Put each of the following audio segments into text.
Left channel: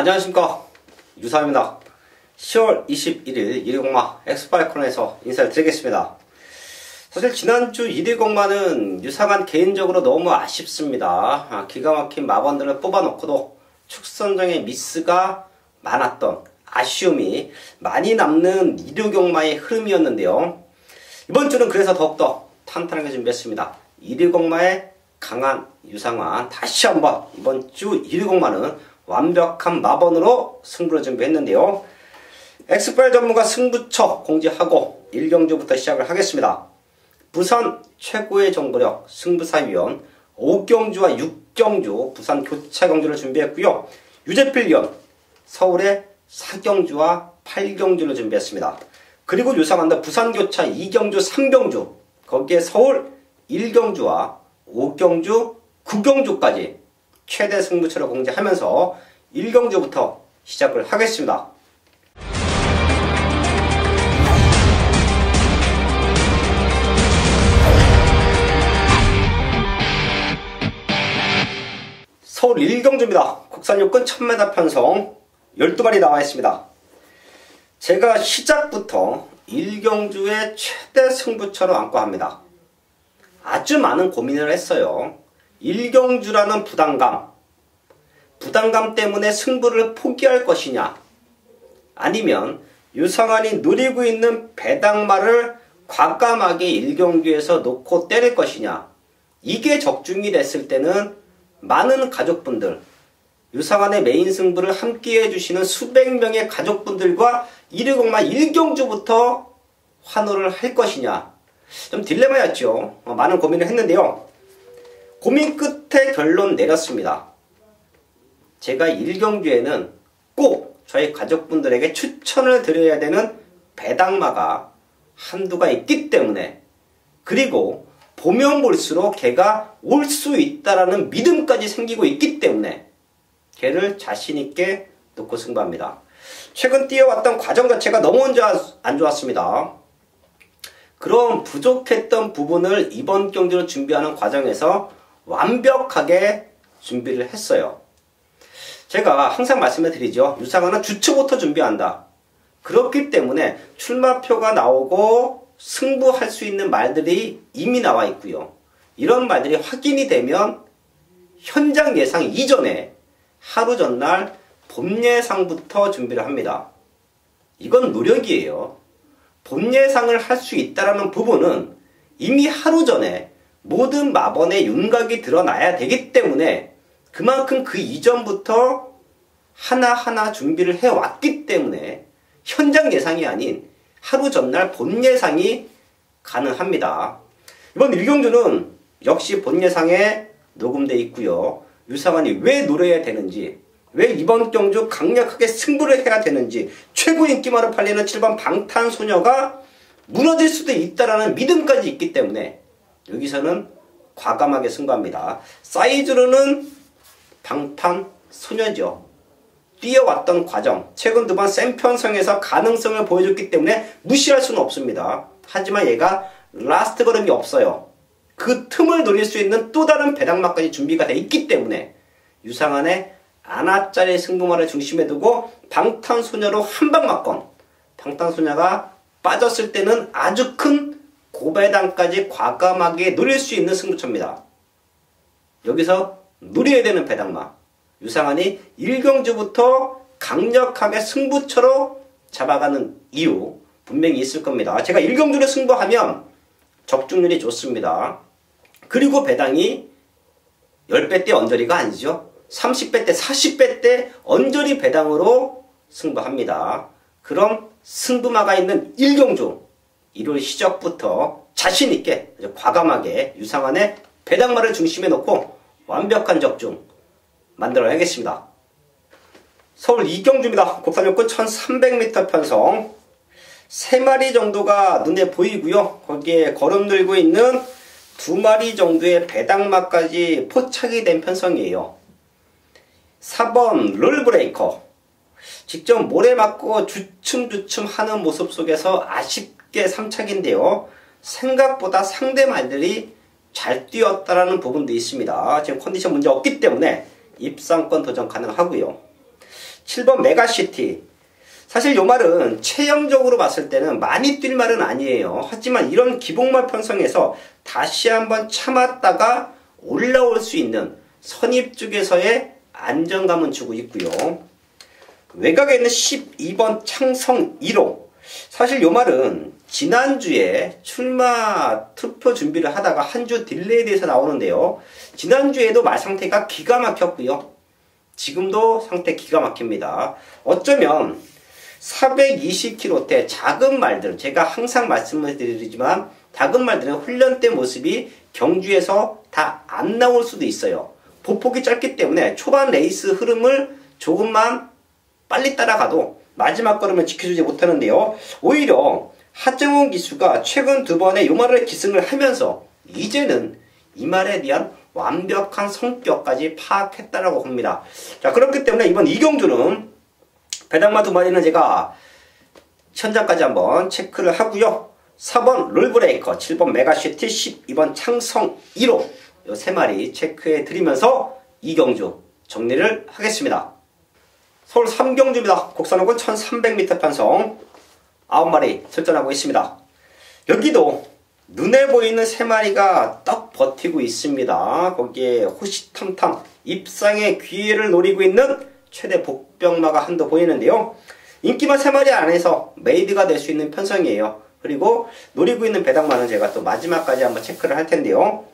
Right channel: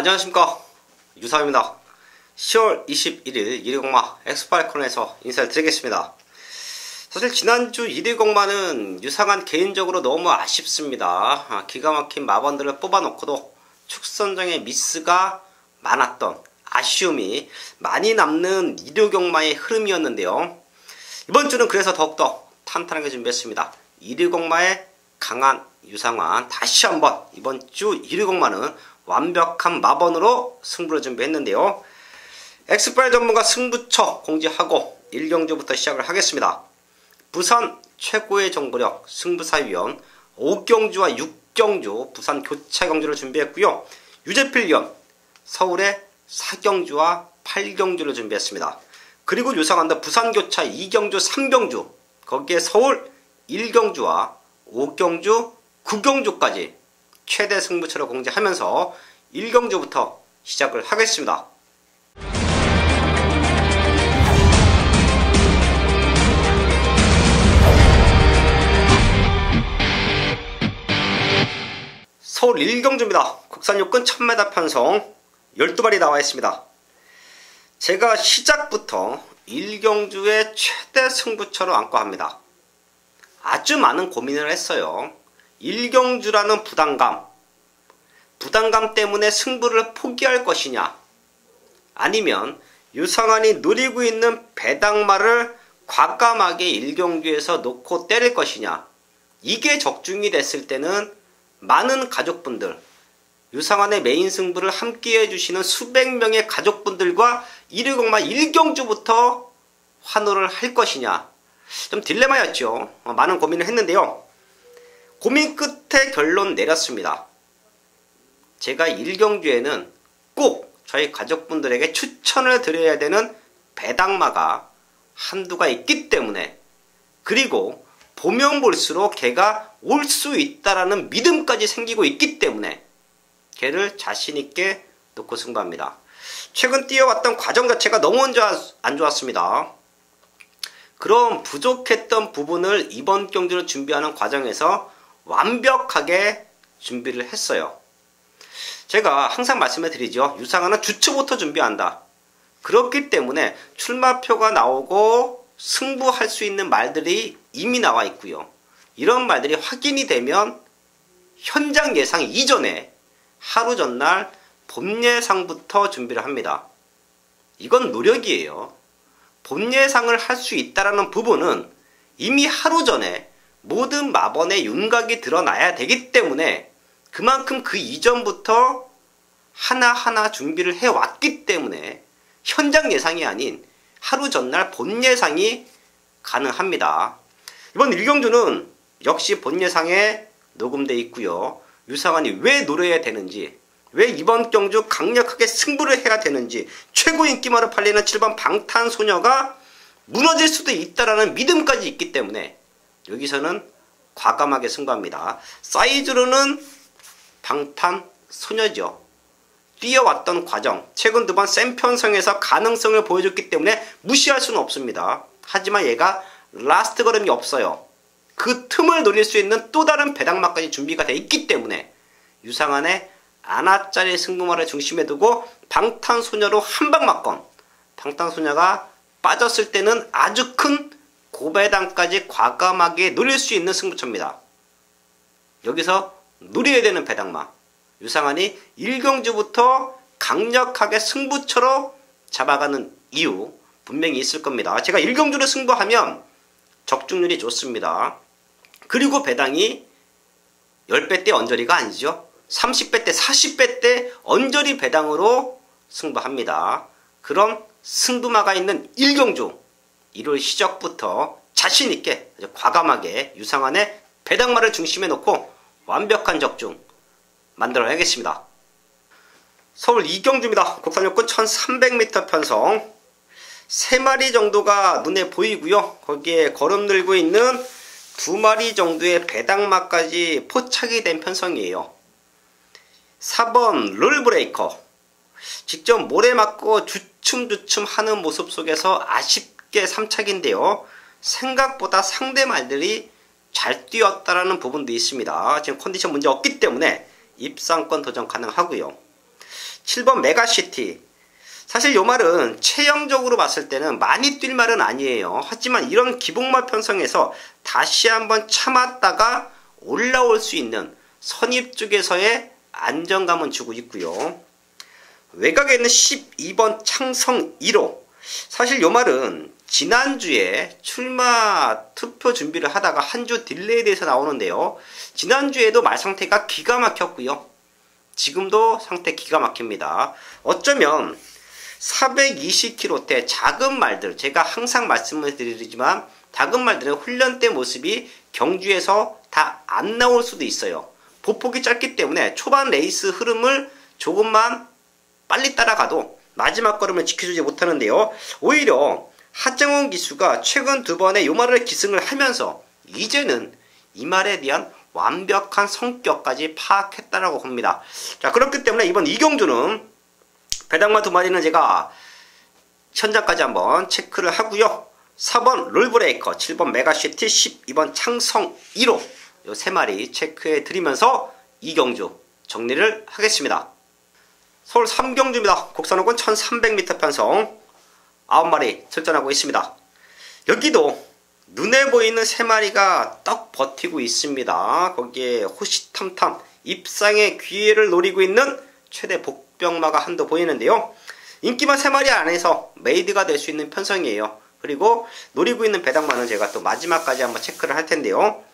안녕하십니까, 유사입니다. 10월 21일 1위공마 엑스파일 코너에서 인사를 드리겠습니다. 사실 지난주 1위공마는 유상한 개인적으로 너무 아쉽습니다. 기가 막힌 마번들을 뽑아놓고도 축선정의 미스가 많았던 아쉬움이 많이 남는 1위공마의 흐름이었는데요. 이번 주는 그래서 더욱더 탄탄하게 준비했습니다. 1위공마의 강한 유상환, 다시 한번 이번 주 1위공마는 완벽한 마번으로 승부를 준비했는데요. 엑스파일 전문가 승부처 공지하고 1경주부터 시작을 하겠습니다. 부산 최고의 정보력 승부사위원 5경주와 6경주 부산 교차 경주를 준비했고요. 유재필 위원 서울의 4경주와 8경주를 준비했습니다. 그리고 유상한도 부산 교차 2경주, 3경주 거기에 서울 1경주와 5경주, 9경주까지 최대 승부처를 공지하면서 1경주부터 시작을 하겠습니다. 서울 1경주입니다. 국산 요건 1000m 편성 12마리 나와 있습니다. 제가 시작부터 1경주의 최대 승부처로 안고 합니다. 아주 많은 고민을 했어요. 1경주라는 부담감 때문에 승부를 포기할 것이냐, 아니면 유상환이 노리고 있는 배당마를 과감하게 1경주에서 놓고 때릴 것이냐. 이게 적중이 됐을 때는 많은 가족분들, 유상환의 메인 승부를 함께 해주시는 수백 명의 가족분들과 1위공마 1경주부터 환호를 할 것이냐, 좀 딜레마였죠. 많은 고민을 했는데요. 고민 끝에 결론 내렸습니다. 제가 1경주에는 꼭 저희 가족분들에게 추천을 드려야 되는 배당마가 한두가 있기 때문에, 그리고 보면 볼수록 걔가 올 수 있다라는 믿음까지 생기고 있기 때문에 걔를 자신있게 놓고 승부합니다. 최근 뛰어왔던 과정 자체가 너무 안 좋았습니다. 그런 부족했던 부분을 이번 경주를 준비하는 과정에서 완벽하게 준비를 했어요. 제가 항상 말씀을 드리죠. 유상환은 주초부터 준비한다. 그렇기 때문에 출마표가 나오고 승부할 수 있는 말들이 이미 나와 있고요. 이런 말들이 확인이 되면 현장 예상 이전에 하루 전날 본 예상부터 준비를 합니다. 이건 노력이에요. 본 예상을 할 수 있다는 부분은 이미 하루 전에 모든 마번의 윤곽이 드러나야 되기 때문에 그만큼 그 이전부터 하나하나 준비를 해왔기 때문에 현장 예상이 아닌 하루 전날 본 예상이 가능합니다. 이번 1경주는 역시 본 예상에 녹음되어 있고요. 유상환이 왜 노려야 되는지, 왜 이번 경주 강력하게 승부를 해야 되는지, 최고 인기마로 팔리는 7번 방탄소녀가 무너질 수도 있다라는 믿음까지 있기 때문에 여기서는 과감하게 승부합니다. 사이즈로는 방탄소녀죠. 뛰어왔던 과정, 최근 2번 센 편성에서 가능성을 보여줬기 때문에 무시할 수는 없습니다. 하지만 얘가 라스트 걸음이 없어요. 그 틈을 노릴 수 있는 또 다른 배당마까지 준비가 되어 있기 때문에 유상환의 아나짜리 승부마를 중심에 두고 방탄소녀로 한방 맞건, 방탄소녀가 빠졌을 때는 아주 큰 고배당까지 과감하게 노릴 수 있는 승부처입니다. 여기서 노려야 되는 배당마, 유상환이 1경주부터 강력하게 승부처로 잡아가는 이유 분명히 있을 겁니다. 제가 1경주를 승부하면 적중률이 좋습니다. 그리고 배당이 10배 대 언저리가 아니죠. 30배 대 40배 대 언저리 배당으로 승부합니다. 그런 승부마가 있는 1경주 1월 시작부터 자신있게 과감하게 유상환의 배당마를 중심에 놓고 완벽한 적중 만들어내겠습니다. 서울 2경주입니다. 국산 요건 1300m 편성 3마리 정도가 눈에 보이고요. 거기에 거름 들고 있는 2마리 정도의 배당마까지 포착이 된 편성이에요. 4번 롤브레이커, 직접 모래 맞고 주춤주춤 하는 모습 속에서 아쉽게 3착인데요. 생각보다 상대 말들이 잘 뛰었다라는 부분도 있습니다. 지금 컨디션 문제 없기 때문에 입상권 도전 가능하고요. 7번 메가시티. 사실 요 말은 체형적으로 봤을 때는 많이 뛸 말은 아니에요. 하지만 이런 기복말 편성에서 다시 한번 참았다가 올라올 수 있는 선입 쪽에서의 안정감은 주고 있고요. 외곽에 있는 12번 창성 1호. 사실 요 말은 지난주에 출마 투표 준비를 하다가 한 주 딜레이에 대해서 나오는데요. 지난주에도 말 상태가 기가 막혔고요. 지금도 상태 기가 막힙니다. 어쩌면 420km대 작은 말들, 제가 항상 말씀을 드리지만 작은 말들은 훈련 때 모습이 경주에서 다 안 나올 수도 있어요. 보폭이 짧기 때문에 초반 레이스 흐름을 조금만 빨리 따라가도 마지막 걸음을 지켜주지 못하는데요. 오히려 하정훈 기수가 최근 두 번의 요 말을 기승을 하면서 이제는 이 말에 대한 완벽한 성격까지 파악했다라고 봅니다. 자, 그렇기 때문에 이번 이경주는 배당마 두 마리는 제가 현장까지 한번 체크를 하고요. 4번 롤브레이커, 7번 메가시티, 12번 창성 1호 요 세 마리 체크해 드리면서 이경주 정리를 하겠습니다. 서울 3경주입니다. 곡선호근 1300m 편성 9마리 출전하고 있습니다. 여기도 눈에 보이는 세 마리가 떡 버티고 있습니다. 거기에 호시탐탐 입상의 기회를 노리고 있는 최대 복병마가 한도 보이는데요. 인기마 세 마리 안에서 메이드가 될 수 있는 편성이에요. 그리고 노리고 있는 배당마는 제가 또 마지막까지 한번 체크를 할 텐데요.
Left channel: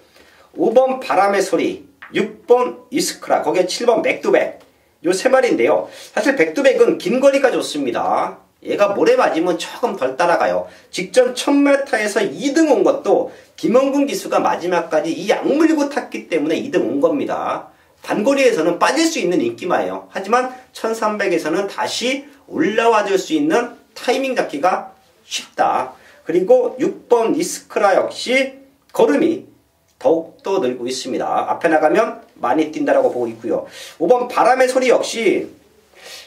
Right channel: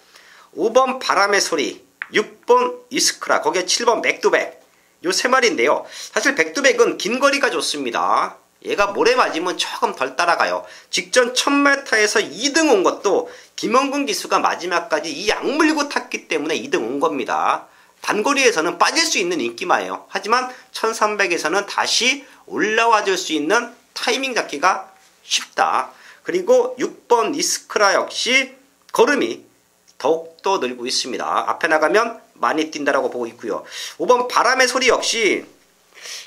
5번 바람의 소리, 6번 이스크라, 거기에 7번 백두백 요 세 마리인데요. 사실 백두백은 긴 거리가 좋습니다. 얘가 모래 맞으면 조금 덜 따라가요. 직전 1000m에서 2등 온 것도 김원근 기수가 마지막까지 이 악물고 탔기 때문에 2등 온 겁니다. 단거리에서는 빠질 수 있는 인기마예요. 하지만 1300에서는 다시 올라와 줄 수 있는 타이밍 잡기가 쉽다. 그리고 6번 이스크라 역시 걸음이 더욱더 늘고 있습니다. 앞에 나가면 많이 뛴다라고 보고 있고요. 5번 바람의 소리 역시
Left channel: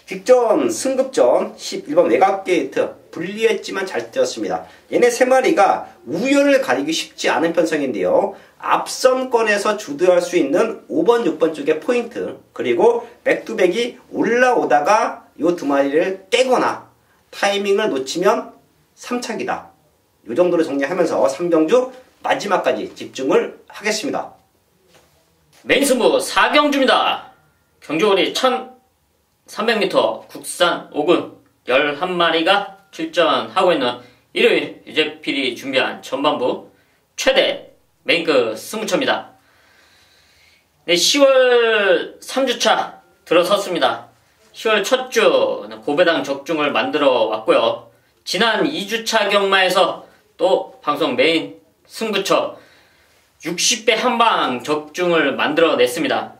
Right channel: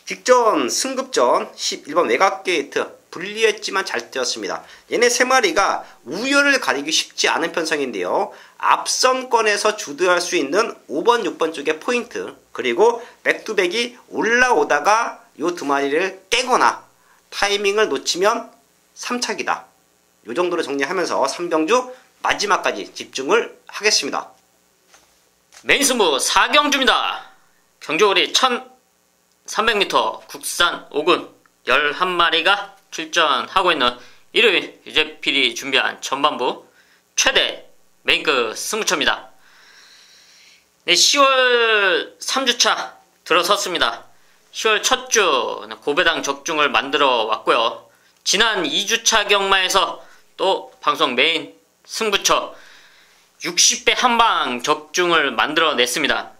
직전 승급전 11번 외곽게이트 불리했지만 잘 뛰었습니다. 얘네 세 마리가 우열을 가리기 쉽지 않은 편성인데요. 앞선권에서 주도할 수 있는 5번, 6번 쪽의 포인트, 그리고 백투백이 올라오다가 요 두 마리를 깨거나 타이밍을 놓치면 3착이다. 요 정도로 정리하면서 3경주 마지막까지 집중을 하겠습니다. 메인 승부 4경주입니다. 경주거리 1300m 국산 5군 11마리가 출전하고 있는 일요일 유재필이 준비한 전반부 최대 메인급 승부처입니다. 네, 10월 3주차 들어섰습니다. 10월 첫 주 고배당 적중을 만들어 왔고요. 지난 2주차 경마에서 또 방송 메인 승부처 60배 한방 적중을 만들어 냈습니다.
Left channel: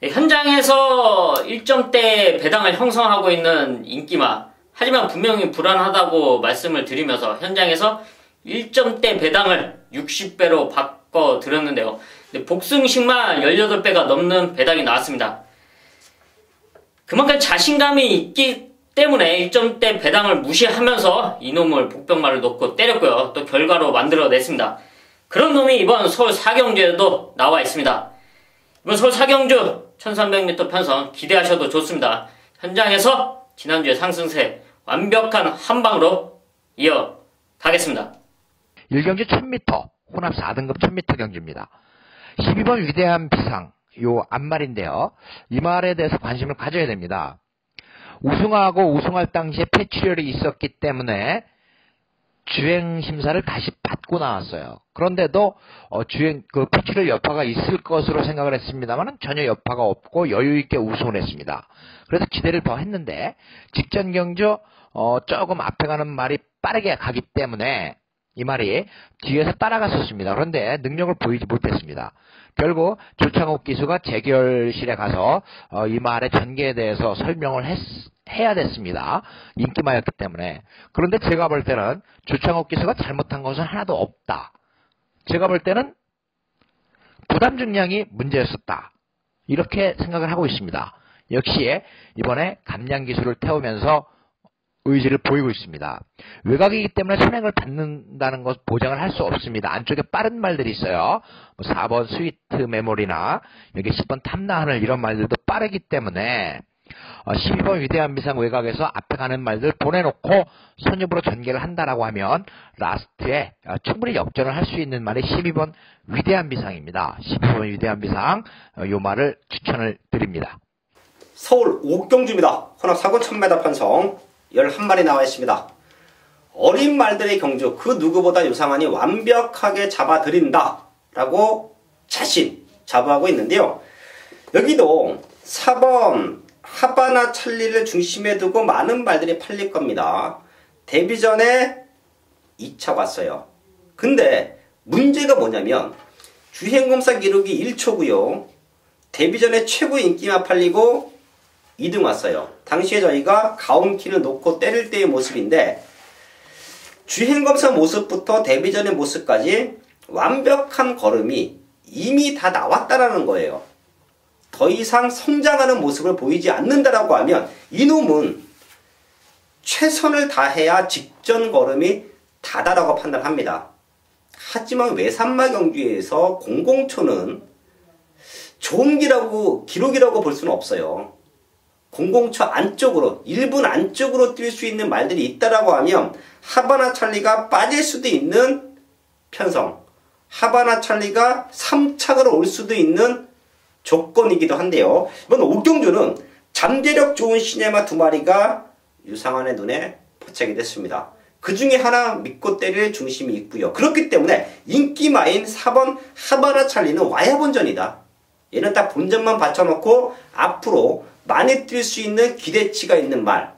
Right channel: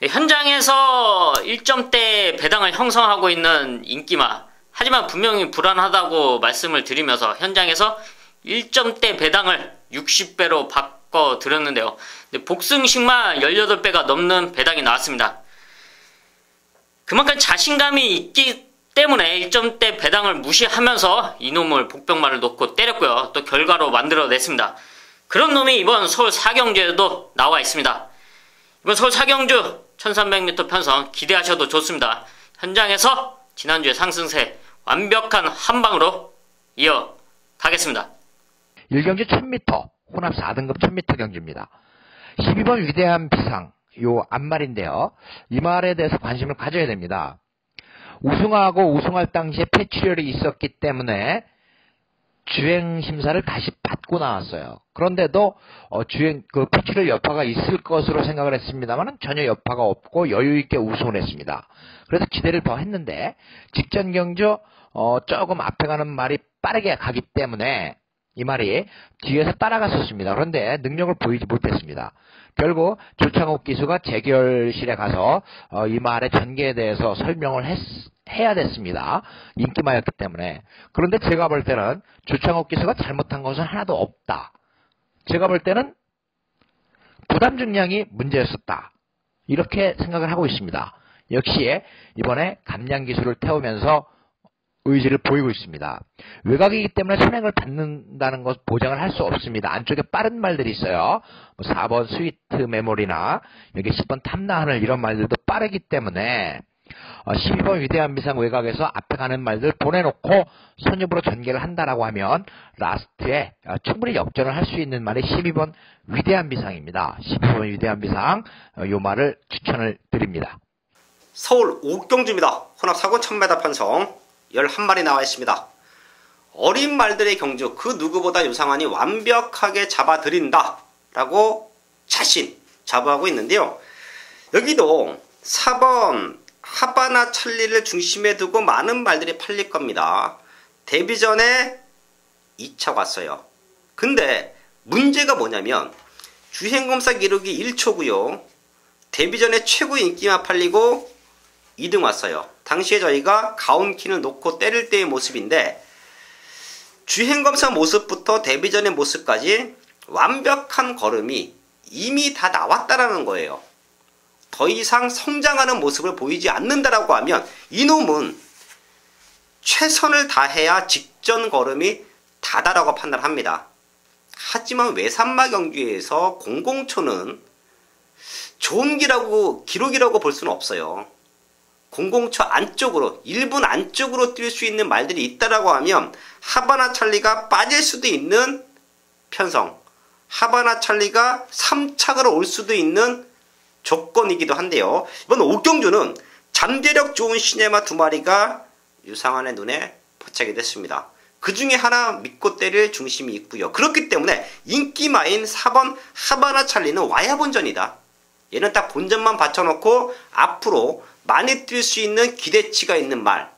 네, 현장에서 1점대 배당을 형성하고 있는 인기마, 하지만 분명히 불안하다고 말씀을 드리면서 현장에서 1점대 배당을 60배로 바꿔드렸는데요. 복승식만 18배가 넘는 배당이 나왔습니다. 그만큼 자신감이 있기 때문에 1점대 배당을 무시하면서 이놈을 복병마를 놓고 때렸고요. 또 결과로 만들어냈습니다. 그런 놈이 이번 서울 4경주에도 나와 있습니다. 이번 서울 4경주 1300m 편성 기대하셔도 좋습니다. 현장에서 지난주의 상승세 완벽한 한방으로 이어가겠습니다. 1경주 1000m 혼합 4등급 1000m 경주입니다. 12번 위대한 비상 요 앞말인데요. 이 말에 대해서 관심을 가져야 됩니다. 우승하고 우승할 당시에 폐출혈이 있었기 때문에 주행심사를 다시 받고 나왔어요. 그런데도 폐출혈 여파가 있을 것으로 생각을 했습니다만 전혀 여파가 없고 여유있게 우승을 했습니다. 그래서 기대를 더 했는데 직전 경주 조금 앞에 가는 말이 빠르게 가기 때문에 이 말이 뒤에서 따라갔었습니다. 그런데 능력을 보이지 못했습니다. 결국 조창욱 기수가 재결실에 가서 이 말의 전개에 대해서 설명을 해야 됐습니다. 인기마였기 때문에. 그런데 제가 볼 때는 조창욱 기수가 잘못한 것은 하나도 없다. 제가 볼 때는 부담 중량이 문제였었다. 이렇게 생각을 하고 있습니다. 역시 이번에 감량 기술을 태우면서 의지를 보이고 있습니다. 외곽이기 때문에 선행을 받는다는 것 보장을 할 수 없습니다. 안쪽에 빠른 말들이 있어요. 4번 스위트 메모리나 여기 10번 탐나하늘 이런 말들도 빠르기 때문에 12번 위대한 비상 외곽에서 앞에 가는 말들 보내놓고 선입으로 전개를 한다라고 하면 라스트에 충분히 역전을 할 수 있는 말이 12번 위대한 비상입니다. 12번 위대한 비상 요 말을 추천을 드립니다. 서울 옥경주입니다. 혼합 4군 1000m 편성 11마리 나와 있습니다. 어린 말들의 경주 그 누구보다 유상한이 완벽하게 잡아드린다 라고 자신 자부하고 있는데요. 여기도 4번 하바나 찰리를 중심에 두고 많은 말들이 팔릴 겁니다. 데뷔 전에 2차 왔어요. 근데 문제가 뭐냐면 주행검사 기록이 1초고요. 데뷔 전에 최고 인기만 팔리고 2등 왔어요. 당시에 저희가 가온키를 놓고 때릴 때의 모습인데 주행검사 모습부터 데뷔 전의 모습까지 완벽한 걸음이 이미 다 나왔다라는 거예요. 더 이상 성장하는 모습을 보이지 않는다라고 하면 이놈은 최선을 다해야 직전 걸음이 다다라고 판단합니다. 하지만 외산마 경주에서 공공초는 좋은 기록이라고 볼 수는 없어요. 공공초 안쪽으로 1분 안쪽으로 뛸 수 있는 말들이 있다라고 하면 하바나 찰리가 빠질 수도 있는 편성, 하바나 찰리가 3착으로 올 수도 있는 조건이기도 한데요. 이번 옥경주는 잠재력 좋은 시네마 2마리가 유상한의 눈에 포착이 됐습니다. 그 중에 하나 믿고 때릴 중심이 있고요. 그렇기 때문에 인기마인 4번 하바나 찰리는 와야 본전이다. 얘는 딱 본전만 받쳐놓고 앞으로 많이 뛸 수 있는 기대치가 있는 말,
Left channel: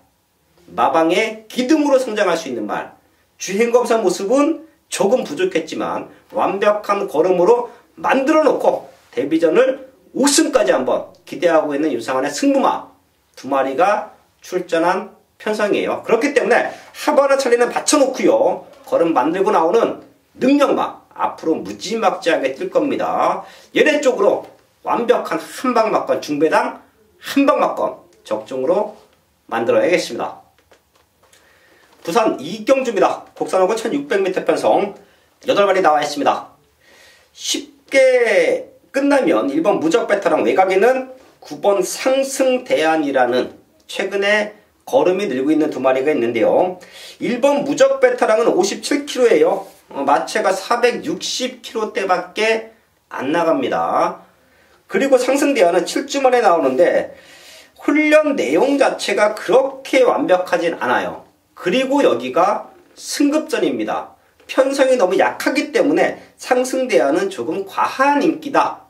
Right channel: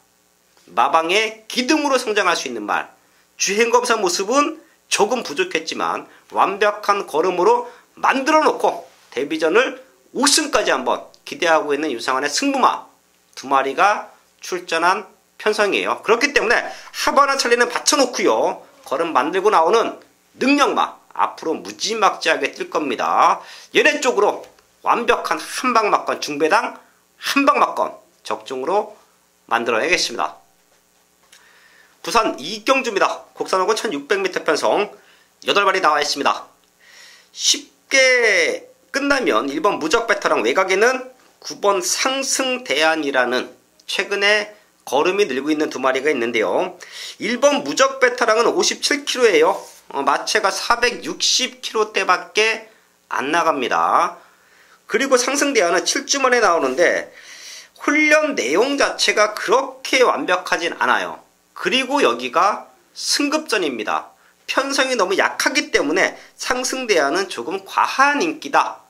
마방의 기둥으로 성장할 수 있는 말, 주행검사 모습은 조금 부족했지만 완벽한 걸음으로 만들어 놓고 데뷔전을 우승까지 한번 기대하고 있는 유상한의 승부마 2마리가 출전한 편성이에요. 그렇기 때문에 하바나 찰리는 받쳐놓고요. 걸음 만들고 나오는 능력마 앞으로 무지막지하게 뛸 겁니다. 얘네 쪽으로 완벽한 한방막건 중배당 한방막건 적중으로 만들어야겠습니다. 부산 이경주입니다. 곡선호구 1600m 편성 8마리 나와 있습니다. 쉽게 끝나면 1번 무적 베테랑 외곽에는 9번 상승대안이라는 최근에 걸음이 늘고 있는 2마리가 있는데요. 1번 무적 베테랑은 57kg예요. 마체가 460kg대밖에 안 나갑니다. 그리고 상승대안은 7주 만에 나오는데 훈련 내용 자체가 그렇게 완벽하진 않아요. 그리고 여기가 승급전입니다. 편성이 너무 약하기 때문에 상승대안은 조금 과한 인기다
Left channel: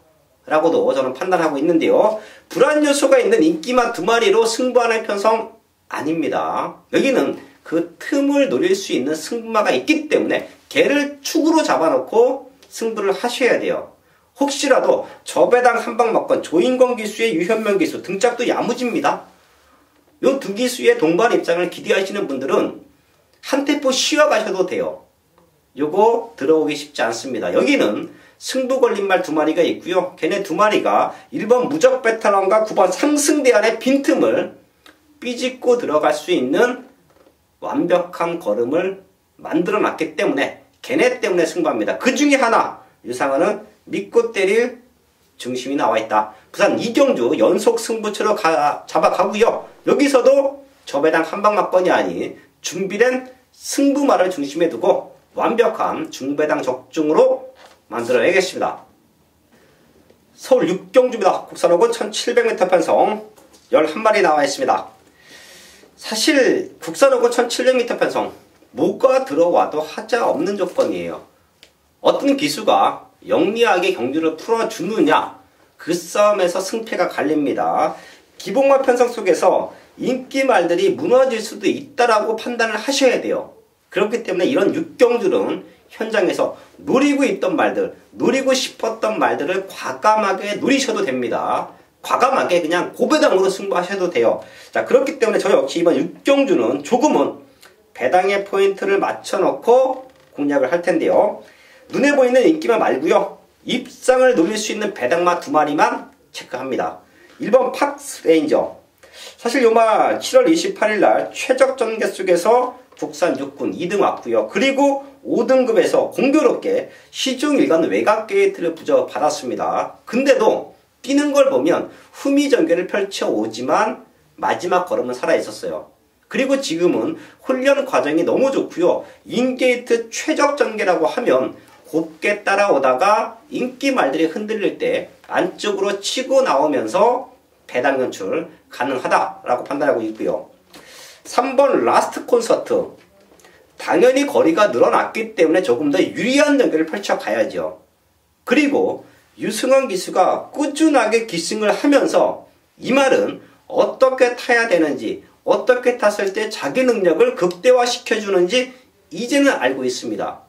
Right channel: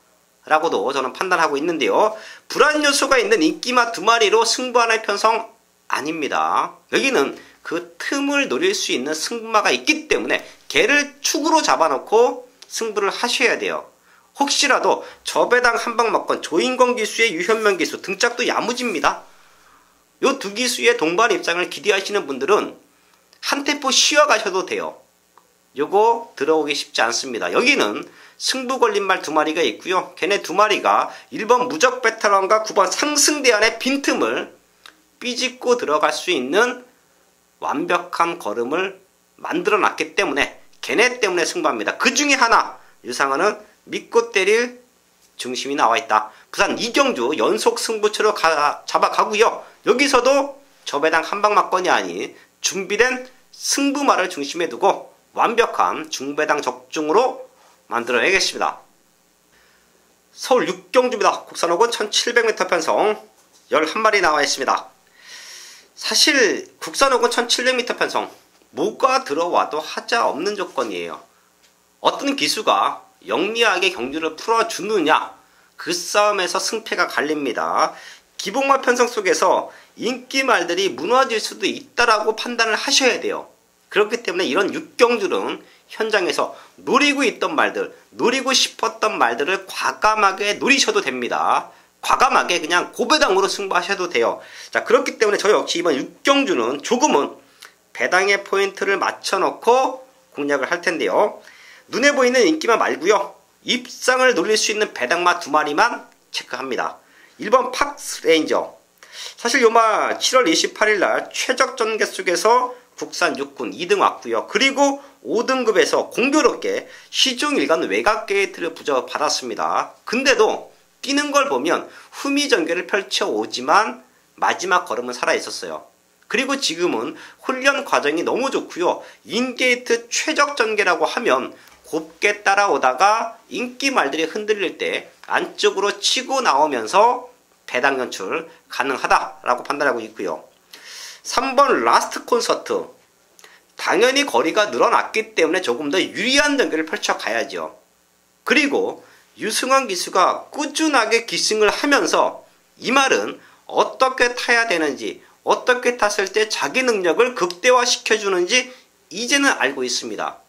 라고도 저는 판단하고 있는데요. 불안 요소가 있는 인기만 2마리로 승부하는 편성 아닙니다. 여기는 그 틈을 노릴 수 있는 승부마가 있기 때문에 걔를 축으로 잡아놓고 승부를 하셔야 돼요. 혹시라도 저배당 한방막건 조인권 기수의 유현명 기수 등짝도 야무집니다. 요 두 기수의 동반 입장을 기대하시는 분들은 한 템포 쉬어가셔도 돼요. 요거 들어오기 쉽지 않습니다. 여기는 승부 걸림말 2마리가 있고요. 걔네 2마리가 1번 무적 베테랑과 9번 상승대안의 빈틈을 삐집고 들어갈 수 있는 완벽한 걸음을 만들어 놨기 때문에 걔네 때문에 승부합니다. 그 중에 하나 유상한은 믿고 때릴 중심이 나와 있다. 부산 이경주 연속 승부처로 잡아가고요. 여기서도 저배당 한방막건이 아닌 준비된 승부마를 중심에 두고 완벽한 중배당 적중으로 만들어야겠습니다. 서울 육경주입니다. 국산호군 1700m 편성 11마리 나와 있습니다. 사실 국산호군 1700m 편성 뭐가 들어와도 하자 없는 조건이에요. 어떤 기수가 영리하게 경주를 풀어주느냐 그 싸움에서 승패가 갈립니다. 기복마 편성 속에서 인기말들이 무너질 수도 있다라고 판단을 하셔야 돼요. 그렇기 때문에 이런 육경주는 현장에서 노리고 있던 말들, 노리고 싶었던 말들을 과감하게 노리셔도 됩니다. 과감하게 그냥 고배당으로 승부하셔도 돼요. 자, 그렇기 때문에 저 역시 이번 육경주는 조금은 배당의 포인트를 맞춰놓고 공략을 할 텐데요. 눈에 보이는 인기만 말고요. 입상을 노릴 수 있는 배당마 2마리만 체크합니다. 1번 팍스 레인저. 사실 요마 7월 28일 날 최적 전개 속에서 국산 6군 2등 왔고요. 그리고 5등급에서 공교롭게 시중 일간 외곽 게이트를 부여받았습니다. 근데도 뛰는 걸 보면 후미 전개를 펼쳐오지만 마지막 걸음은 살아있었어요. 그리고 지금은 훈련 과정이 너무 좋고요. 인게이트 최적 전개라고 하면 곱게 따라오다가 인기 말들이 흔들릴 때 안쪽으로 치고 나오면서 배당 연출 가능하다라고 판단하고 있고요. 3번 라스트 콘서트. 당연히 거리가 늘어났기 때문에 조금 더 유리한 전개를 펼쳐가야죠. 그리고 유승환 기수가 꾸준하게 기승을 하면서 이 말은 어떻게 타야 되는지, 어떻게 탔을 때 자기 능력을 극대화시켜주는지 이제는 알고 있습니다.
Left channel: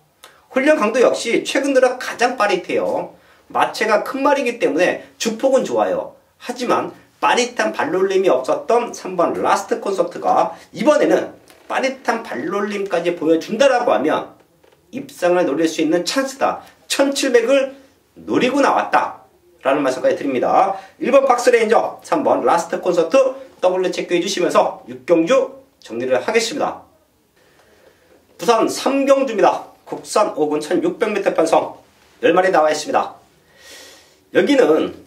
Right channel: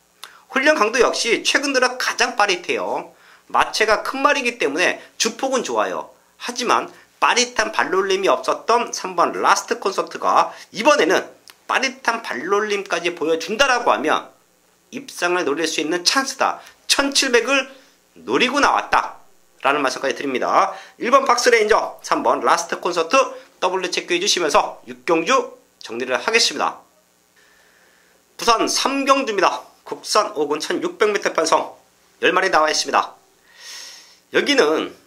훈련 강도 역시 최근 들어 가장 빠릿해요. 마체가 큰 말이기 때문에 주폭은 좋아요. 하지만 빠릿한 발놀림이 없었던 3번 라스트 콘서트가 이번에는 빠릿한 발놀림까지 보여준다라고 하면 입상을 노릴 수 있는 찬스다. 1700을 노리고 나왔다 라는 말씀까지 드립니다. 1번 박스레인저, 3번 라스트 콘서트 더블로 체크해 주시면서 6경주 정리를 하겠습니다. 부산 3경주입니다. 국산 5군 1600m 편성 10마리 나와 있습니다. 여기는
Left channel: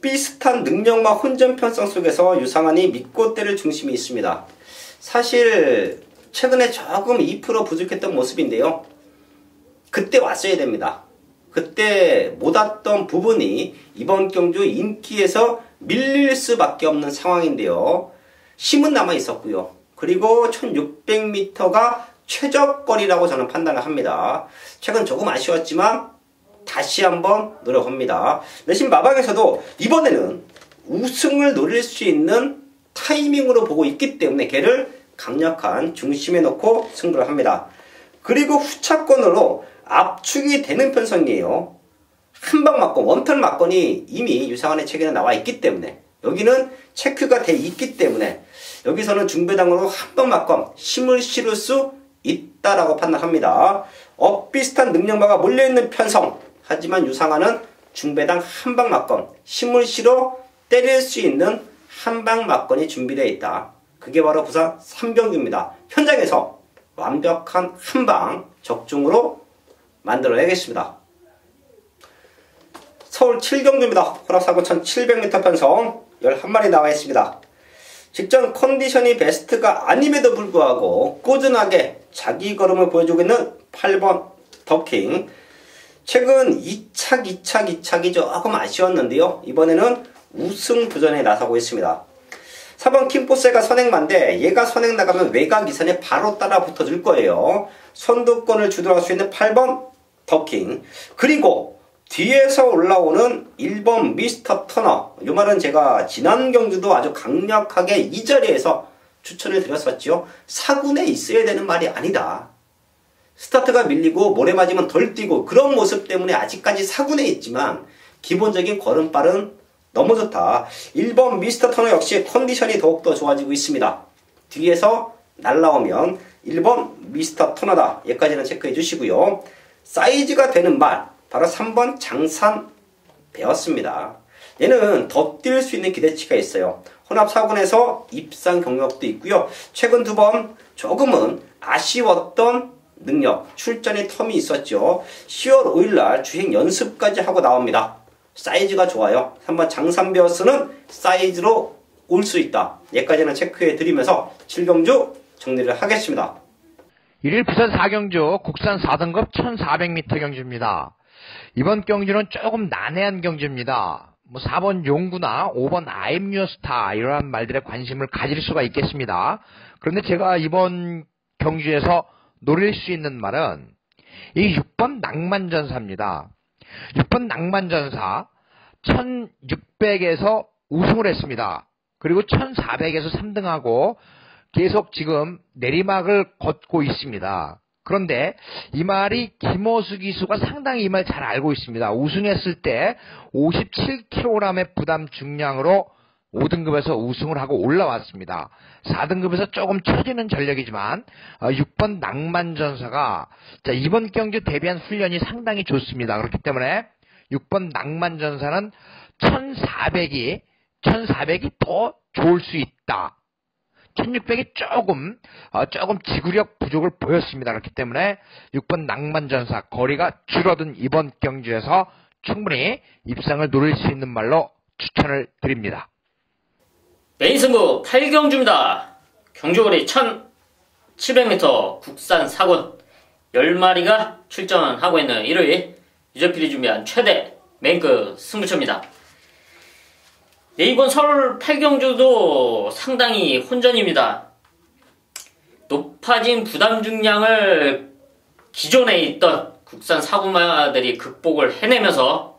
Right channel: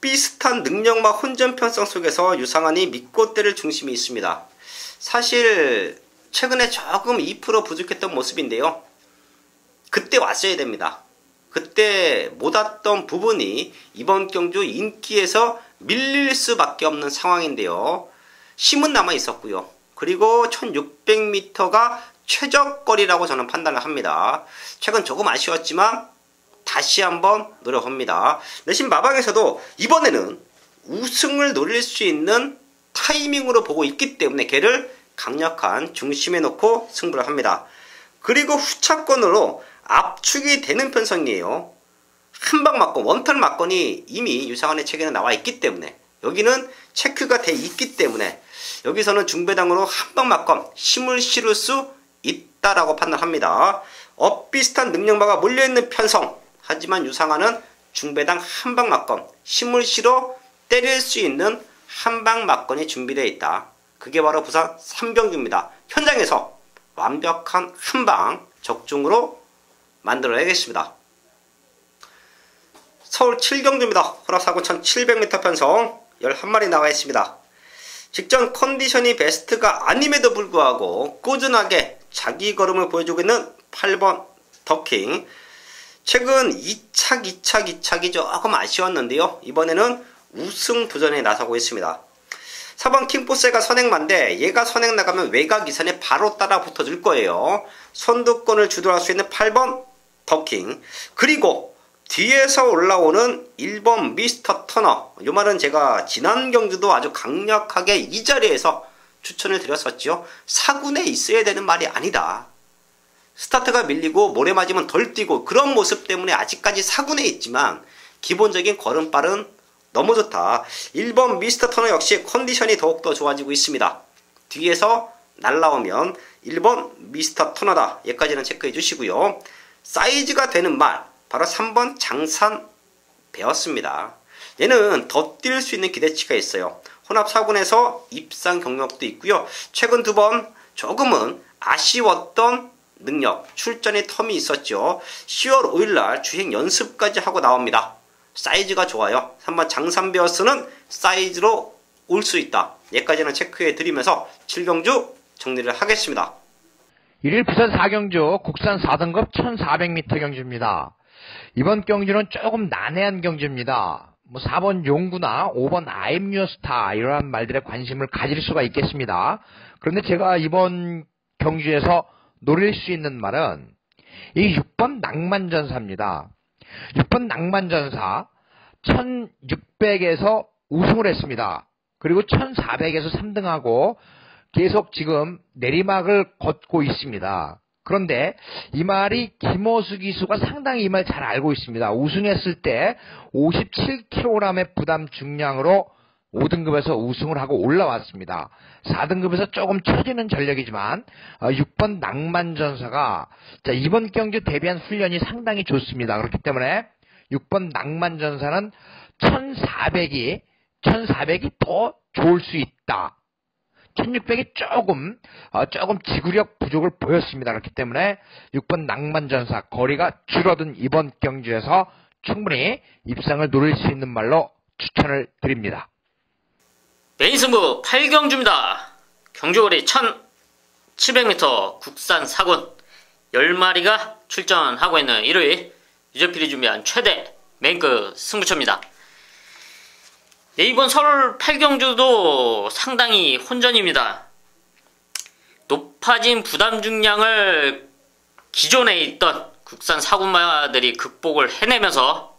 비슷한 능력과 혼전 편성 속에서 유상환이 믿고 때릴 중심이 있습니다. 사실 최근에 조금 2% 부족했던 모습인데요. 그때 왔어야 됩니다. 그때 못 왔던 부분이 이번 경주 인기에서 밀릴 수밖에 없는 상황인데요. 힘은 남아 있었고요. 그리고 1600m가 최적거리라고 저는 판단을 합니다. 최근 조금 아쉬웠지만 다시 한번 노려봅니다. 내심 마방에서도 이번에는 우승을 노릴 수 있는 타이밍으로 보고 있기 때문에 걔를 강력한 중심에 놓고 승부를 합니다. 그리고 후차권으로 압축이 되는 편성이에요. 한방 맞건 원턴 맞건이 이미 유상환의 체계는 나와 있기 때문에 여기는 체크가 돼 있기 때문에 여기서는 중배당으로 한방 맞건 힘을 실을 수 있다라고 판단합니다. 비슷한 능력마가 몰려있는 편성. 하지만 유상환은 중배당 한방 맞건 힘을 실어 때릴 수 있는 한방 맞건이 준비되어 있다. 그게 바로 부산 3경주입니다. 현장에서 완벽한 한방 적중으로 만들어내겠습니다. 서울 7경주입니다. 혼합사고 1700m 편성 11마리 나와 있습니다. 직전 컨디션이 베스트가 아님에도 불구하고 꾸준하게 자기 걸음을 보여주고 있는 8번 더킹. 최근 2착이 조금 아쉬웠는데요. 이번에는 우승 도전에 나서고 있습니다. 4번 킹포세가 선행만데 얘가 선행 나가면 외곽 이선에 바로 따라 붙어줄 거예요. 선두권을 주도할 수 있는 8번 더킹. 그리고 뒤에서 올라오는 1번 미스터 터너. 이 말은 제가 지난 경주도 아주 강력하게 이 자리에서 추천을 드렸었죠. 4군에 있어야 되는 말이 아니다. 스타트가 밀리고 모래 맞으면 덜 뛰고 그런 모습 때문에 아직까지 4군에 있지만 기본적인 걸음발은 너무 좋다. 1번 미스터 터너 역시 컨디션이 더욱더 좋아지고 있습니다. 뒤에서 날라오면 1번 미스터 터너다. 여기까지는 체크해 주시고요. 사이즈가 되는 말 바로 3번 장산 배웠습니다. 얘는 더 뛸 수 있는 기대치가 있어요. 혼합 4군에서 입상 경력도 있고요. 최근 2번 조금은 아쉬웠던 능력, 출전의 텀이 있었죠. 10월 5일날 주행 연습까지 하고 나옵니다. 사이즈가 좋아요. 3번 장산베어스는 사이즈로 올 수 있다. 여기까지는 체크해 드리면서 7경주 정리를 하겠습니다. 1일 부산 4경주 국산 4등급 1400m 경주입니다. 이번 경주는 조금 난해한 경주입니다. 4번 용구나 5번 아임뉴스타 이러한 말들에 관심을 가질 수가 있겠습니다. 그런데 제가 이번 경주에서 노릴 수 있는 말은 이 6번 낭만전사입니다. 6번 낭만전사 1600에서 우승을 했습니다. 그리고 1400에서 3등하고 계속 지금 내리막을 걷고 있습니다. 그런데 이 말이 김호수 기수가 상당히 이 말 잘 알고 있습니다. 우승했을 때 57kg의 부담 중량으로 5등급에서 우승을 하고 올라왔습니다. 4등급에서 조금 처지는 전력이지만 6번 낭만전사가 이번 경주 대비한 훈련이 상당히 좋습니다. 그렇기 때문에 6번 낭만전사는 1400이 더 좋을 수 있다. 1600이 조금 지구력 부족을 보였습니다. 그렇기 때문에 6번 낭만전사 거리가 줄어든 이번 경주에서 충분히 입상을 노릴 수 있는 말로 추천을 드립니다. 메인 승부 8경주입니다. 경주거리 1700m 국산 4군 10마리가 출전하고 있는 일요일 유저필이 준비한 최대 메인급 승부처입니다. 네, 이번 서울 8경주도 상당히 혼전입니다. 높아진 부담 중량을 기존에 있던 국산 4군마들이 극복을 해내면서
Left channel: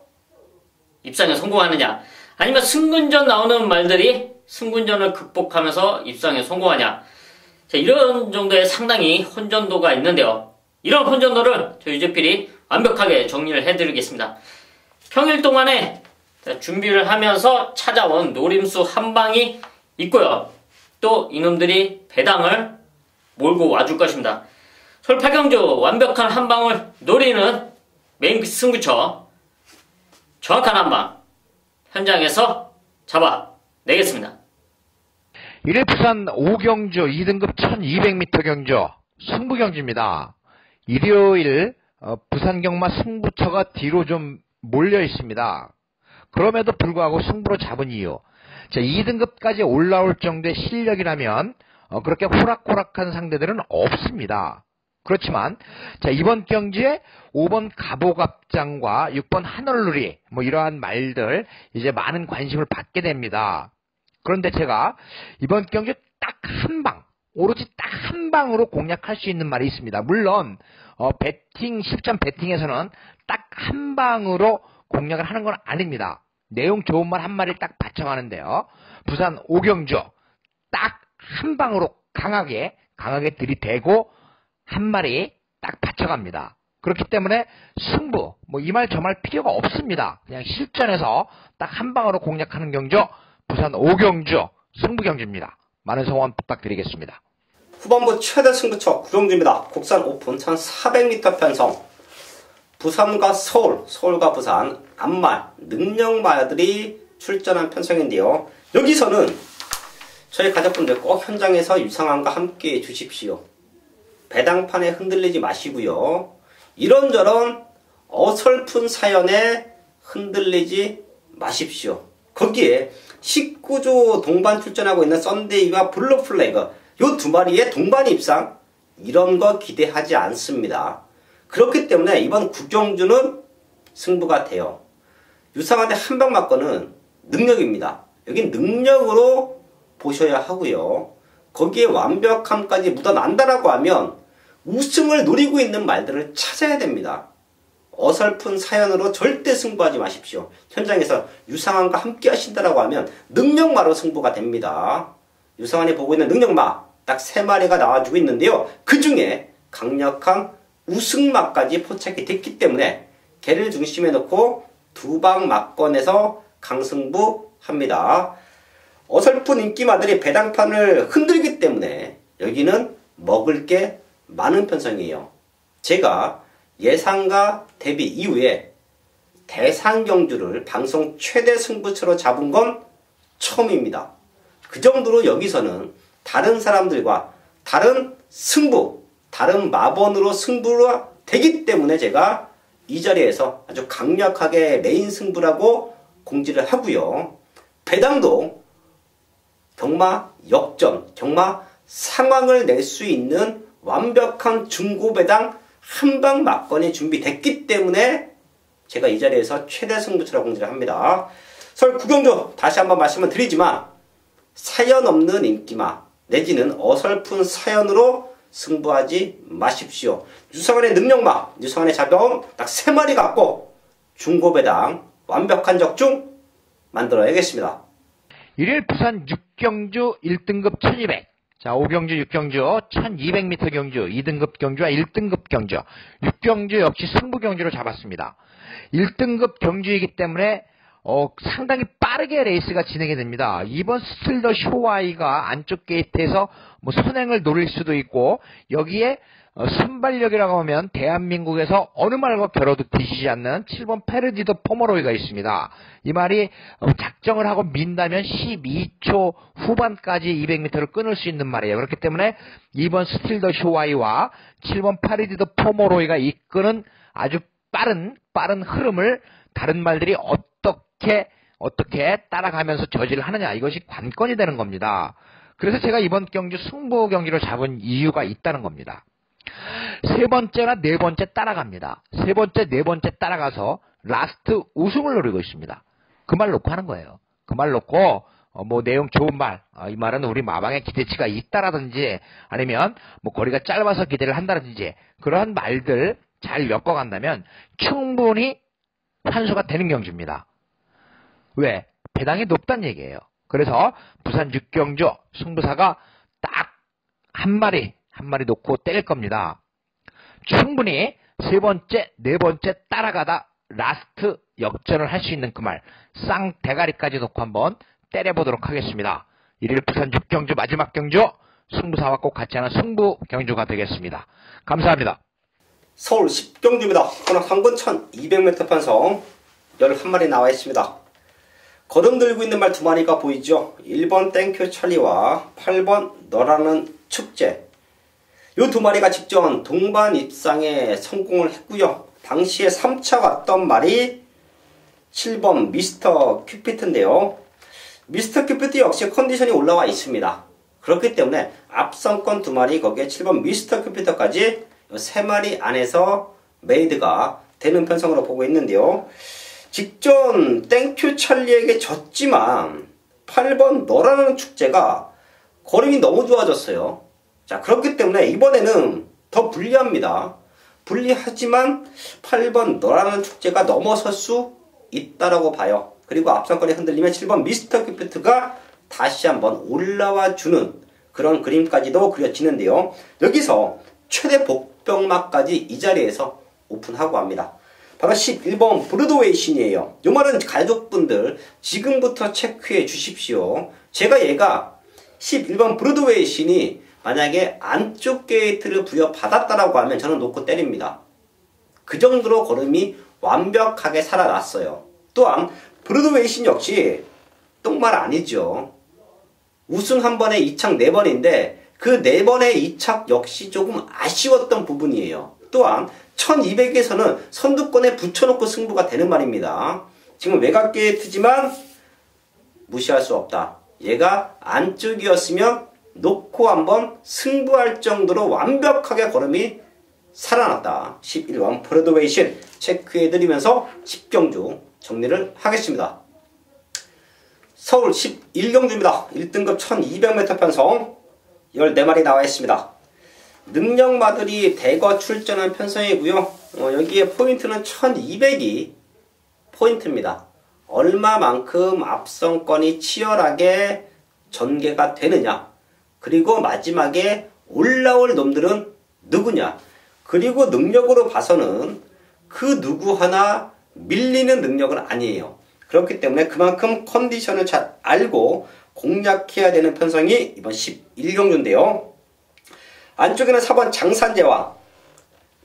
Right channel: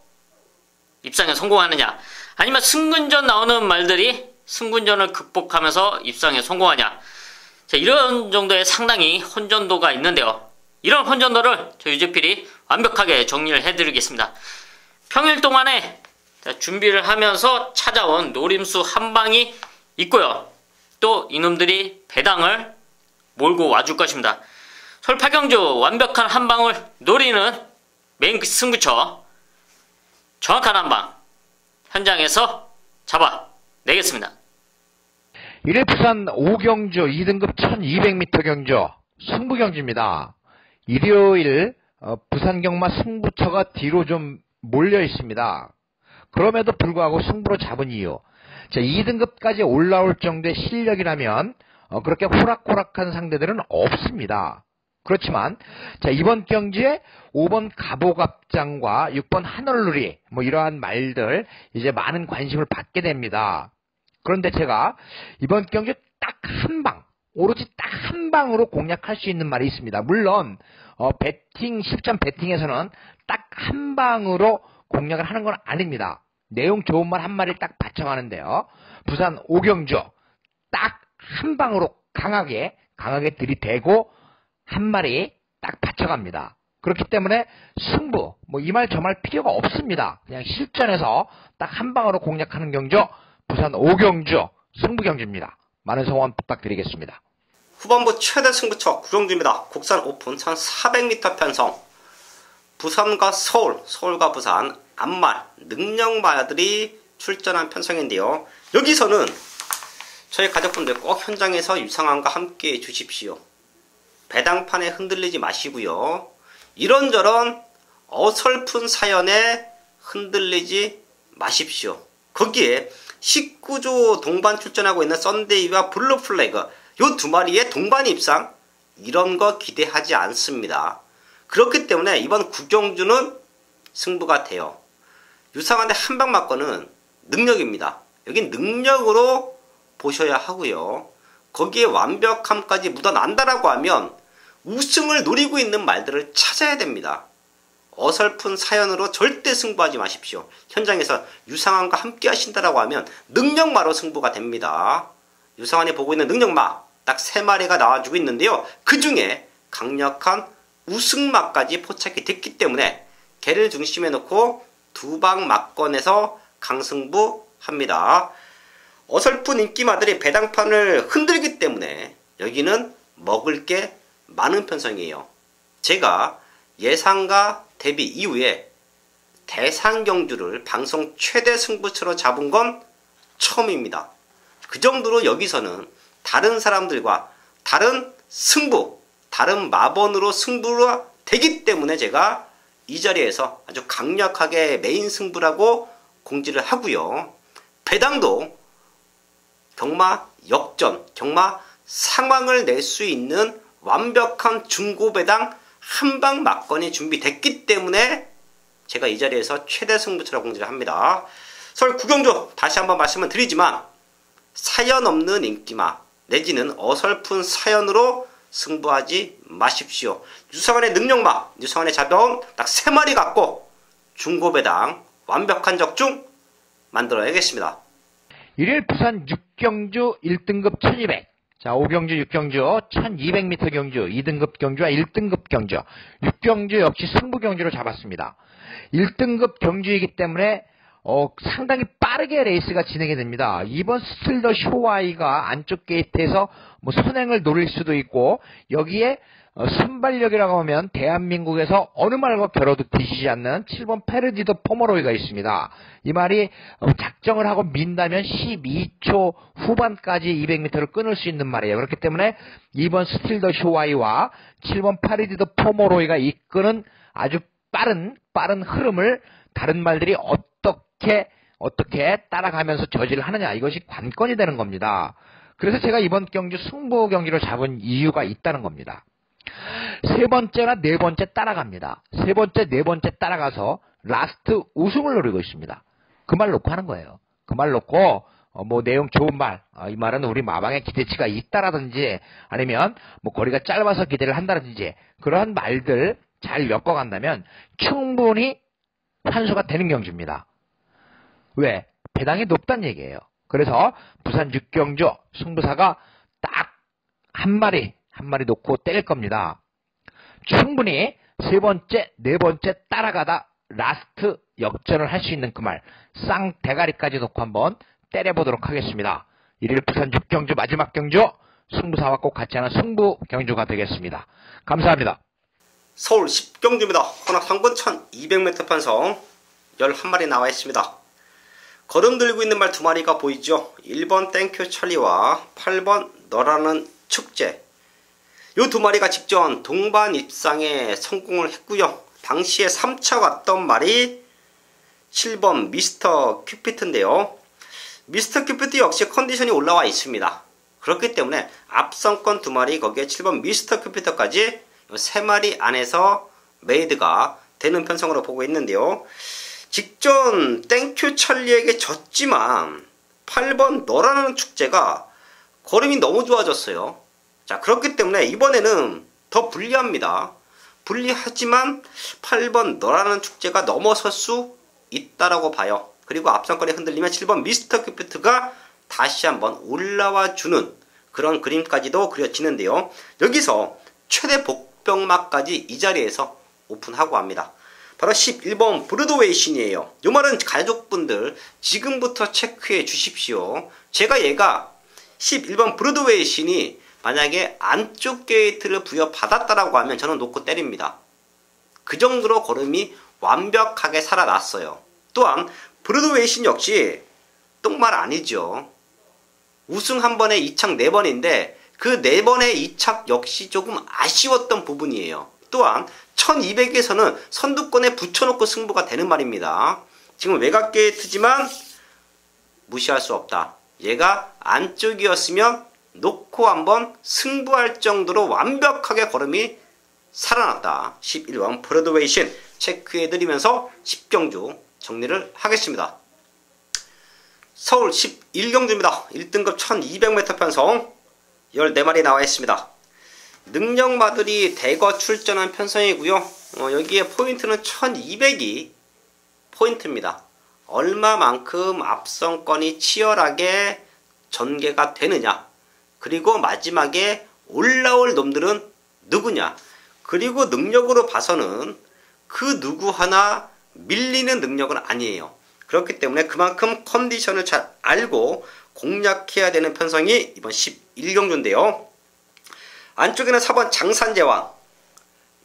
입상에 성공하느냐, 아니면 승근전 나오는 말들이 승근전을 극복하면서 입상에 성공하냐, 자, 이런 정도의 상당히 혼전도가 있는데요. 이런 혼전도를 저 유재필이 완벽하게 정리를 해드리겠습니다. 평일 동안에 준비를 하면서 찾아온 노림수 한 방이 있고요. 또 이놈들이 배당을 몰고 와줄 것입니다. 서울 8경주 완벽한 한 방을 노리는 메인 승부처, 정확한 한 방 현장에서 잡아내겠습니다. 일일 부산 5경주 2등급 1200m 경주 승부경주입니다. 일요일 부산 경마 승부처가 뒤로 좀 몰려 있습니다. 그럼에도 불구하고 승부로 잡은 이유, 자, 2등급까지 올라올 정도의 실력이라면 그렇게 호락호락한 상대들은 없습니다. 그렇지만 자, 이번 경기에 5번 가보갑장과 6번 하늘누리 뭐 이러한 말들 이제 많은 관심을 받게 됩니다. 그런데 제가 이번 경기 딱 한 방, 오로지 딱 한 방으로 공략할 수 있는 말이 있습니다. 물론 배팅 10점 배팅에서는 딱 한 방으로 공략을 하는 건 아닙니다. 내용 좋은 말 한 마리를 딱 바쳐가는데요. 부산 5경주 딱 한 방으로 강하게 들이대고 한 마리 딱 바쳐갑니다. 그렇기 때문에 승부 뭐 이 말 저 말 필요가 없습니다. 그냥 실전에서 딱 한 방으로 공략하는 경주 부산 5경주 승부경주입니다. 많은 성원 부탁드리겠습니다. 후반부 최대 승부처 구룡주입니다. 국산 오픈 1400m 편성, 부산과 서울, 서울과 부산 암말, 능력마들이 출전한 편성인데요. 여기서는 저희 가족분들 꼭 현장에서 유상함과 함께 해주십시오. 배당판에 흔들리지 마시고요. 이런저런 어설픈 사연에 흔들리지 마십시오. 거기에 19조 동반 출전하고 있는 썬데이와 블루플래그 요 두 마리의 동반 입상, 이런 거 기대하지 않습니다. 그렇기 때문에 이번 구경주는 승부가 돼요. 유상한의 한방 맞고는 능력입니다. 여기 능력으로 보셔야 하고요. 거기에 완벽함까지 묻어난다라고 하면 우승을 노리고 있는 말들을 찾아야 됩니다. 어설픈 사연으로 절대 승부하지 마십시오. 현장에서 유상한과 함께 하신다라고 하면 능력마로 승부가 됩니다. 유상한이 보고 있는 능력마 딱 3마리가 나와주고 있는데요. 그 중에 강력한 우승마까지 포착이 됐기 때문에 걔를 중심에 놓고 두 방 맞건에서 강승부 합니다. 어설픈 인기마들이 배당판을 흔들기 때문에 여기는 먹을 게 많은 편성이에요. 제가 예상과 대비 이후에 대상경주를 방송 최대 승부처로 잡은 건 처음입니다. 그 정도로 여기서는 다른 사람들과 다른 승부, 다른 마번으로 승부가 되기 때문에 제가 이 자리에서 아주 강력하게 메인 승부라고 공지를 하고요. 배당도 경마 역전, 경마 상황을 낼 수 있는 완벽한 중고배당 한방 막건이 준비됐기 때문에 제가 이 자리에서 최대 승부처로 공지를 합니다. 서울 구경주 다시 한번 말씀을 드리지만 사연 없는 인기마 내지는 어설픈 사연으로 승부하지 마십시오. 유상한의 능력마, 유상한의 자병 딱 3마리 갖고 중고배당 완벽한 적중 만들어야겠습니다. 일일 부산 6경주 1등급 1200, 자 5경주 6경주 1200m 경주 2등급 경주와 1등급 경주, 6경주 역시 승부경주로 잡았습니다. 1등급 경주이기 때문에 상당히 빠르게 레이스가 진행이 됩니다. 이번 스틸더 쇼와이가 안쪽 게이트에서 뭐 선행을 노릴 수도 있고, 여기에 순발력이라고 하면 대한민국에서 어느 말과 겨뤄도 뒤지지 않는 7번 페르디도 포머로이가 있습니다. 이 말이 작정을 하고 민다면 12초 후반까지 200m를 끊을 수 있는 말이에요. 그렇기 때문에 2번 스틸더 쇼와이와 7번 페르디도 포머로이가 이끄는 아주 빠른 흐름을 다른 말들이 어떻게 어떻게 따라가면서 저지를 하느냐, 이것이 관건이 되는 겁니다. 그래서 제가 이번 경주 승부 경기를 잡은 이유가 있다는 겁니다. 세 번째나 네 번째 따라갑니다. 세 번째, 네 번째 따라가서 라스트 우승을 노리고 있습니다. 그 말 놓고 하는 거예요. 그 말 놓고 뭐 내용 좋은 말, 이 말은 우리 마방에 기대치가 있다라든지 아니면 뭐 거리가 짧아서 기대를 한다든지 그러한 말들 잘 엮어간다면 충분히 환수가 되는 경주입니다. 왜? 배당이 높다는 얘기예요. 그래서 부산 6경주 승부사가 딱 한 마리 놓고 때릴 겁니다. 충분히 세 번째, 네 번째 따라가다 라스트 역전을 할 수 있는 그 말, 쌍대가리까지 놓고 한번 때려보도록 하겠습니다. 1일 부산 6경주 마지막 경주 승부사와 꼭 같이 하는 승부 경주가 되겠습니다. 감사합니다. 서울 10경주입니다. 헌화 3군 1200m 편성 11마리 나와 있습니다. 걸음 들고 있는 말 2마리가 보이죠. 1번 땡큐 찰리와 8번 너라는 축제. 이 2마리가 직전 동반 입상에 성공을 했고요. 당시에 3차 왔던 말이 7번 미스터 큐피트인데요. 미스터 큐피트 역시 컨디션이 올라와 있습니다. 그렇기 때문에 앞선권 2마리 거기에 7번 미스터 큐피트까지 3마리 안에서 메이드가 되는 편성으로 보고 있는데요. 직전 땡큐 찰리에게 졌지만 8번 너라는 축제가 걸음이 너무 좋아졌어요. 자, 그렇기 때문에 이번에는 더 불리합니다. 불리하지만 8번 너라는 축제가 넘어설 수 있다라고 봐요. 그리고 앞선권이 흔들리면 7번 미스터 큐피트가 다시 한번 올라와 주는 그런 그림까지도 그려지는데요. 여기서 최대 복병막까지 이 자리에서 오픈하고 합니다. 바로 11번 브로드웨이 신이에요. 이 말은 가족분들 지금부터 체크해 주십시오. 제가 얘가 11번 브로드웨이 신이 만약에 안쪽 게이트를 부여받았다라고 하면 저는 놓고 때립니다. 그 정도로 걸음이 완벽하게 살아났어요. 또한 브로드웨이 신 역시 똥말 아니죠. 우승 한 번에 2착 4번인데 그 4번의 2착 역시 조금 아쉬웠던 부분이에요. 또한 1200에서는 선두권에 붙여놓고 승부가 되는 말입니다. 지금 외곽 게이트지만 무시할 수 없다. 얘가 안쪽이었으면 놓고 한번 승부할 정도로 완벽하게 걸음이 살아났다. 11번 브로드웨이 신 체크해드리면서 10경주 정리를 하겠습니다. 서울 11경주입니다. 1등급 1200m 편성 14마리 나와 있습니다. 능력마들이 대거 출전한 편성이고요. 여기에 포인트는 1200이 포인트입니다. 얼마만큼 앞선권이 치열하게 전개가 되느냐, 그리고 마지막에 올라올 놈들은 누구냐, 그리고 능력으로 봐서는 그 누구 하나 밀리는 능력은 아니에요. 그렇기 때문에 그만큼 컨디션을 잘 알고 공략해야 되는 편성이 이번 11경주인데요. 안쪽에는 4번 장산제왕.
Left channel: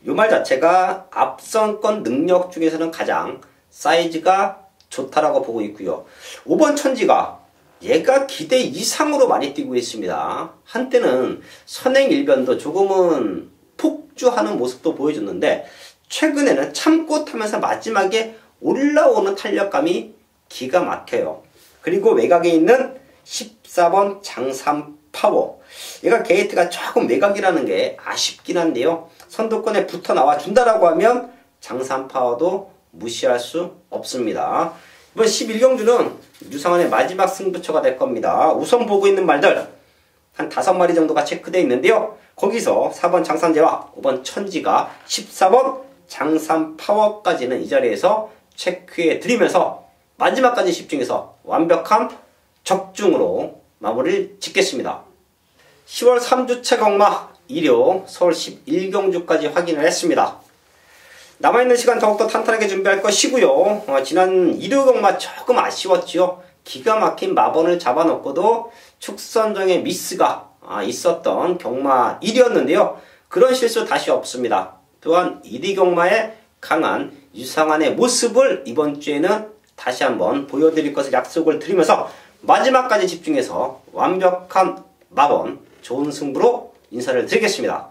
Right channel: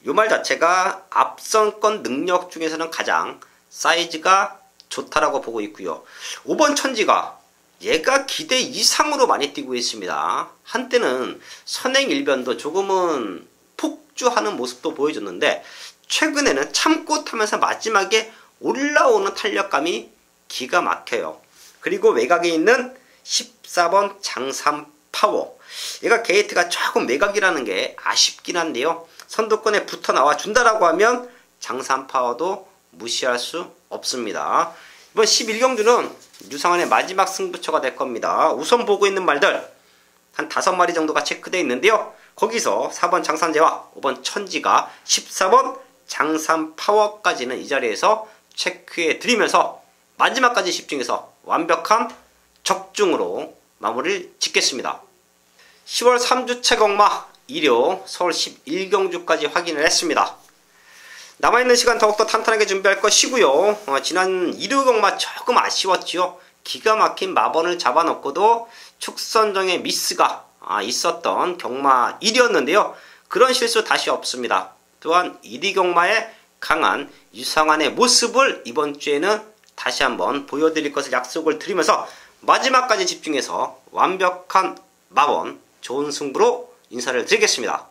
이 말 자체가 앞선권 능력 중에서는 가장 사이즈가 좋다라고 보고 있고요. 5번 천지가 얘가 기대 이상으로 많이 뛰고 있습니다. 한때는 선행일변도 조금은 폭주하는 모습도 보여줬는데 최근에는 참고 타면서 마지막에 올라오는 탄력감이 기가 막혀요. 그리고 외곽에 있는 14번 장산파워. 얘가 게이트가 조금 외곽이라는 게 아쉽긴 한데요. 선두권에 붙어 나와 준다라고 하면 장산파워도 무시할 수 없습니다. 이번 11경주는 유상환의 마지막 승부처가 될 겁니다. 우선 보고 있는 말들 한 5마리 정도가 체크되어 있는데요. 거기서 4번 장산제와 5번 천지가 14번 장산파워까지는 이 자리에서 체크해 드리면서 마지막까지 집중해서 완벽한 적중으로 마무리를 짓겠습니다. 10월 3주차 경마 일요 서울 11경주까지 확인을 했습니다. 남아있는 시간 더욱더 탄탄하게 준비할 것이고요. 지난 일요 경마 조금 아쉬웠죠. 기가 막힌 마번을 잡아놓고도 축선정의 미스가 있었던 경마 1이었는데요. 그런 실수 다시 없습니다. 또한 1위 경마의 강한 유상환의 모습을 이번 주에는 다시 한번 보여드릴 것을 약속을 드리면서 마지막까지 집중해서 완벽한 마번 좋은 승부로 인사를 드리겠습니다.